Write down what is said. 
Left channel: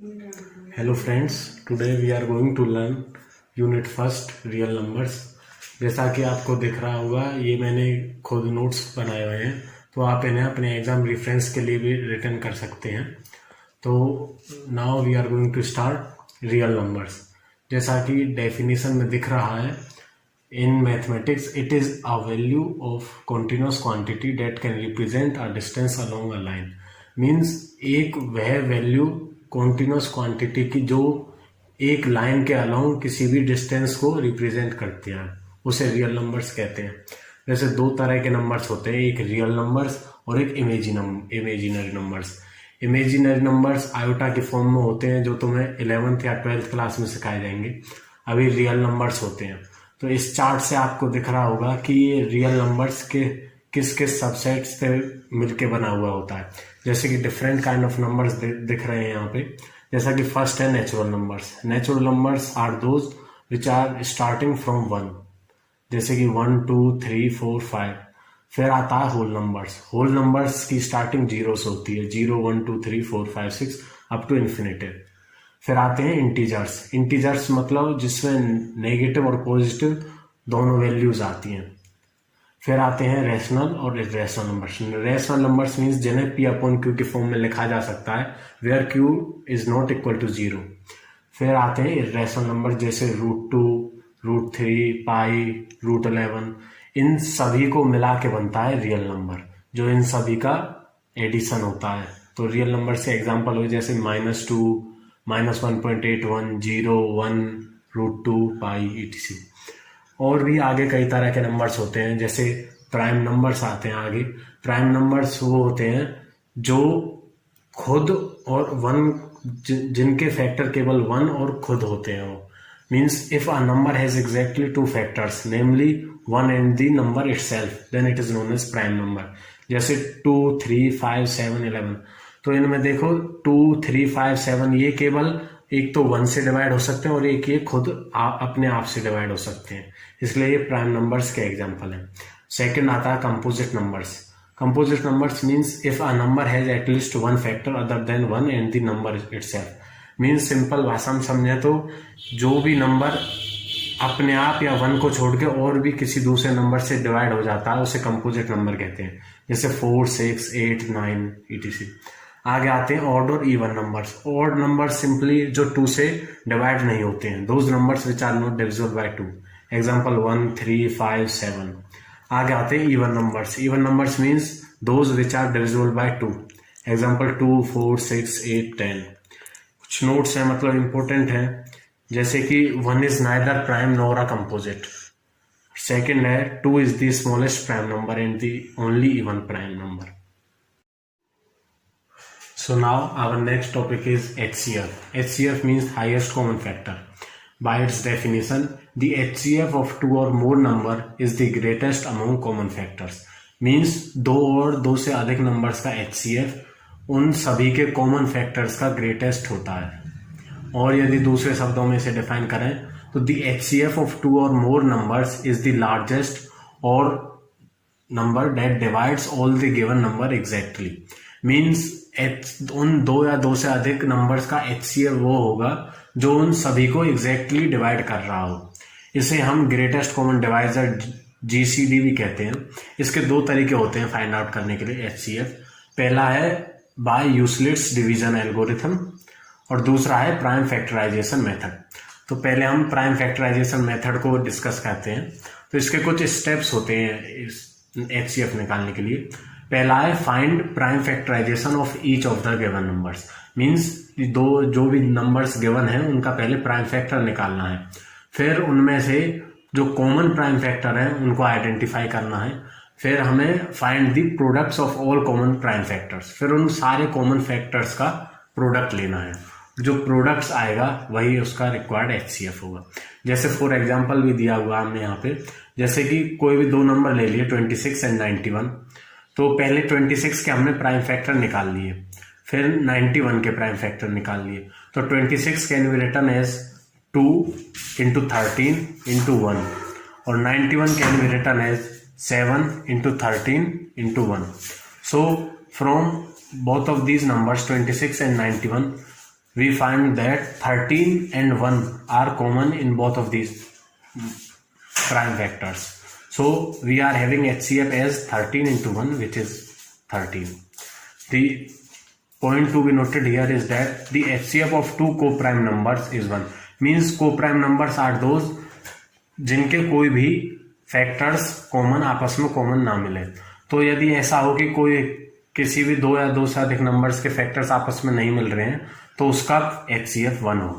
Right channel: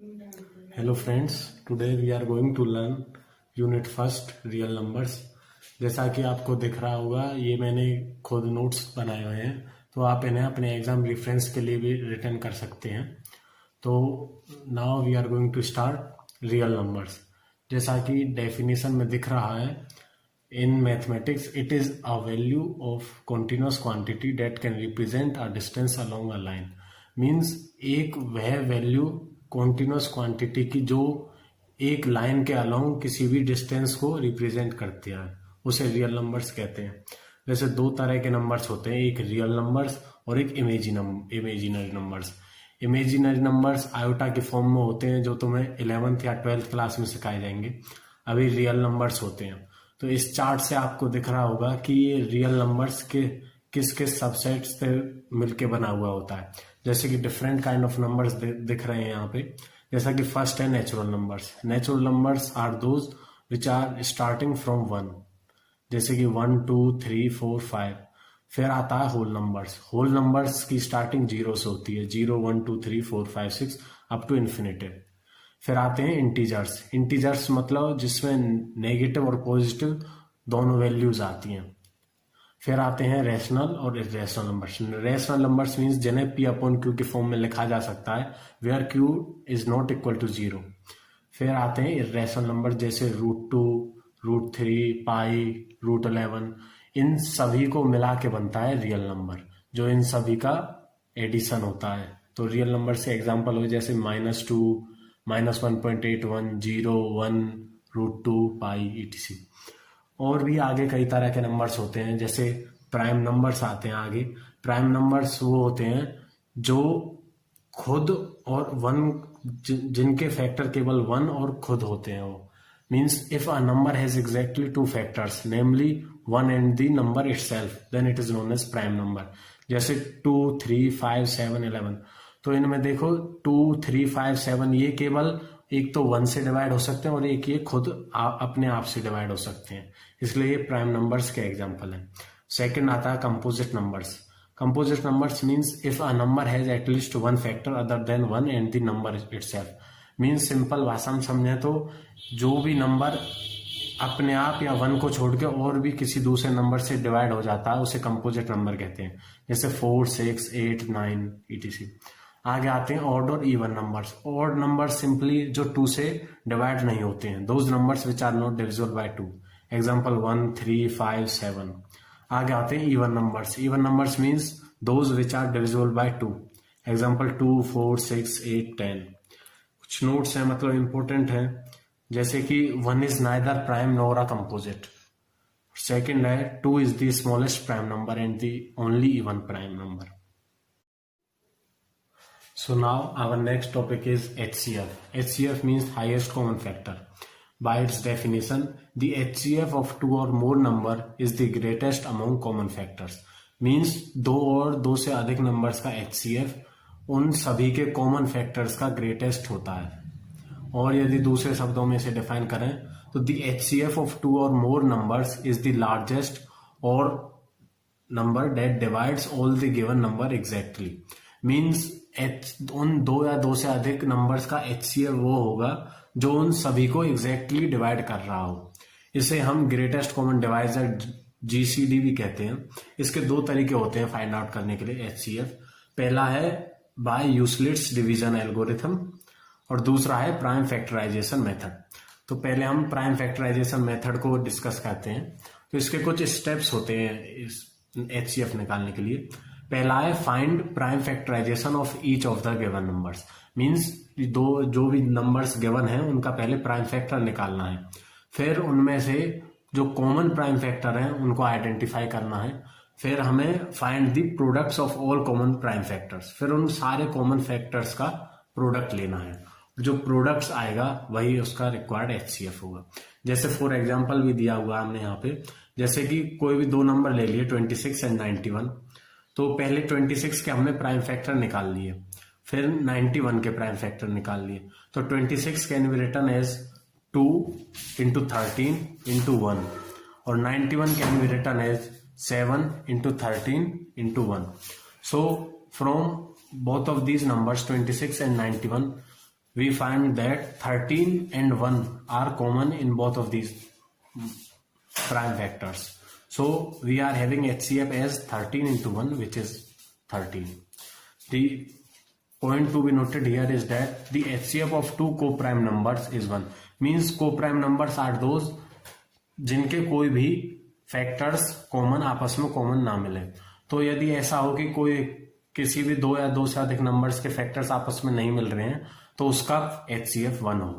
Hello friends, today we are going to learn unit first real numbers. जैसा कि आपको दिख रहा होगा, ये मैंने खुद नोट्स बनाए हुए हैं, तो आप इन्हें अपने एग्जाम रेफरेंस के लिए भी रिटर्न कर सकते हैं। तो now we are going to start real numbers. जैसा कि डेफिनेशन में दिख रहा है, in mathematics it is a value of continuous quantity that can represent a distance along a line. Means एक वह वैल्यू कॉन्टिन्यूस क्वांटिटी की जो एक लाइन के अलोंग किसी भी डिस्टेंस को रिप्रेजेंट करती है, उसे रियल नंबर्स कहते हैं। वैसे दो तरह के नंबर्स होते हैं, एक रियल नंबर्स और एक imaginary numbers. Imaginary numbers iota के फॉर्म में होते हैं, जो तुम्हें 11th या 12th क्लास में सिखाए जाएंगे। अभी रियल नंबर्स होते हैं। तो इस चार्ट से आपको दिख रहा होगा कि ये रियल नंबर्स के किस किस सबसेट से मिलके बना हुआ होता है। जैसे कि डिफरेंट काइंड ऑफ नंबर्स दिख रहे हैं यहाँ पे। जैसा कि फर्स्ट है natural numbers. Natural numbers are those which are starting from 1, जैसे कि 1 2 3 4 5। फिर आता है होल नंबर्स। होल नंबर्स की स्टार्टिंग 0 से होती है, 0 1 2 3 4 5 6 अप टू इन्फिनिटी। फिर आते हैं इंटीजर्स। इंटीजर्स मतलब जिसमें नेगेटिव और पॉजिटिव दोनों वैल्यूज आती हैं। फिर आते हैं रैशनल और irrational numbers. Rational numbers means जिन्हें पी अपॉन क्यू की फॉर्म में लिखा जा सकता है, where Q is not equal to 0। फिर आते हैं इरेशनल नंबर, जैसे √2, √3, पाई, √11। इन सभी को मिला के बनता है रियल नंबर, जो इन सभी का एडिशन होता है। तो रियल नंबर से एग्जाम्पल हो जैसे -2, -1.81, 0 1, √2, पाई etc। और भी आगे कई तरह के नंबर्स होते हैं, जैसे प्राइम नंबर्स आते हैं आगे। प्राइम नंबर्स वो होते हैं जो खुद और वन, जिनके फैक्टर केवल 1 और खुद होते हैं। वो means if a number has exactly 2 factors, namely 1 and the number itself, then it is known as prime number. जैसे 2 3 5 7 11। तो इनमें देखो 2 3 5 7 ये केवल एक तो 1 से डिवाइड हो सकते हैं और एक ये खुद अपने आप से डिवाइड हो सकते हैं, इसलिए ये प्राइम नंबर्स के एग्जांपल हैं। सेकंड आता है composite numbers. Composite numbers means if a number has at least 1 factor other than 1 and the number itself. Means simple भाषा में समझे तो जो भी नंबर अपने आप या 1 को छोड़ के और भी किसी दूसरे नंबर से डिवाइड हो जाता है, उसे कंपोजिट नंबर कहते हैं, जैसे 4 6 8 9 etc। आगे आते हैं ऑड और even numbers. Odd number simply जो 2 से डिवाइड नहीं होते हैं, those numbers which are not divisible by 2, example 1 3 5 7। आगे आते हैं even numbers. Even numbers means those which are divisible by 2, example 2 4 6 8 10। कुछ नोट्स हैं, मतलब इंपॉर्टेंट है, जैसे कि 1 is neither prime nor a composite. Second है 2 is the smallest prime number and the only even prime number. So now our next topic is HCF. HCF means highest common factor. By its definition, the HCF of 2 or more number is the greatest among common factors. Means 2 और 2 से अधिक numbers का HCF उन सभी के common factors का greatest होता है। और यदि दूसरे शब्दों में इसे डिफाइन करें तो the HCF of 2 or more numbers is the largest or number that divides all the given number exactly. Means उन 2 या 2 से अधिक नंबर्स का HCF वो होगा जो उन सभी को एग्जैक्टली डिवाइड कर रहा हो। इसे हम ग्रेटेस्ट कॉमन डिवाइजर GCD भी कहते हैं। इसके 2 तरीके होते हैं फाइंड आउट करने के लिए HCF। पहला है बाय यूक्लिड्स डिवीजन एल्गोरिथम और दूसरा है प्राइम फैक्टराइजेशन मेथड। तो पहले हम प्राइम फैक्टराइजेशन मेथड को डिस्कस करते हैं। तो इसके कुछ स्टेप्स होते हैं इस HCF निकालने के लिए। पहला है find prime factorization of each of the given numbers. Means जो भी नंबर्स गिवन है उनका पहले प्राइम फैक्टर निकालना है। फिर उनमें से जो कॉमन प्राइम फैक्टर है उनको आइडेंटिफाई करना है। फिर हमें find the products of all common prime factors. फिर उन सारे कॉमन फैक्टर्स का प्रोडक्ट लेना है। जो प्रोडक्ट्स आएगा वही उसका रिक्वायर्ड HCF होगा। जैसे फॉर एग्जाम्पल भी दिया हुआ हमने यहाँ पे, जैसे कि कोई भी 2 नंबर ले लिए 26 एंड 91। तो पहले 26 के हमने प्राइम फैक्टर निकाल लिए, फिर 91 के प्राइम फैक्टर निकाल लिए। तो 26 can be written as 2 into 13 into 1 और 91 can be written as 7 into 13 into 1। So from both of these numbers 26 and 91 we find that 13 and 1 are common in both of these prime factors. So we are having HCF as 13 into 1, which is 13. The point to be noted here is that the HCF of two co-prime numbers is 1. Means co-prime numbers are those जिनके कोई भी factors common आपस में common ना मिले. तो यदि ऐसा हो कि कोई किसी भी दो या दो से अधिक नंबर्स के फैक्टर्स आपस में नहीं मिल रहे हैं तो उसका HCF 1 होगा.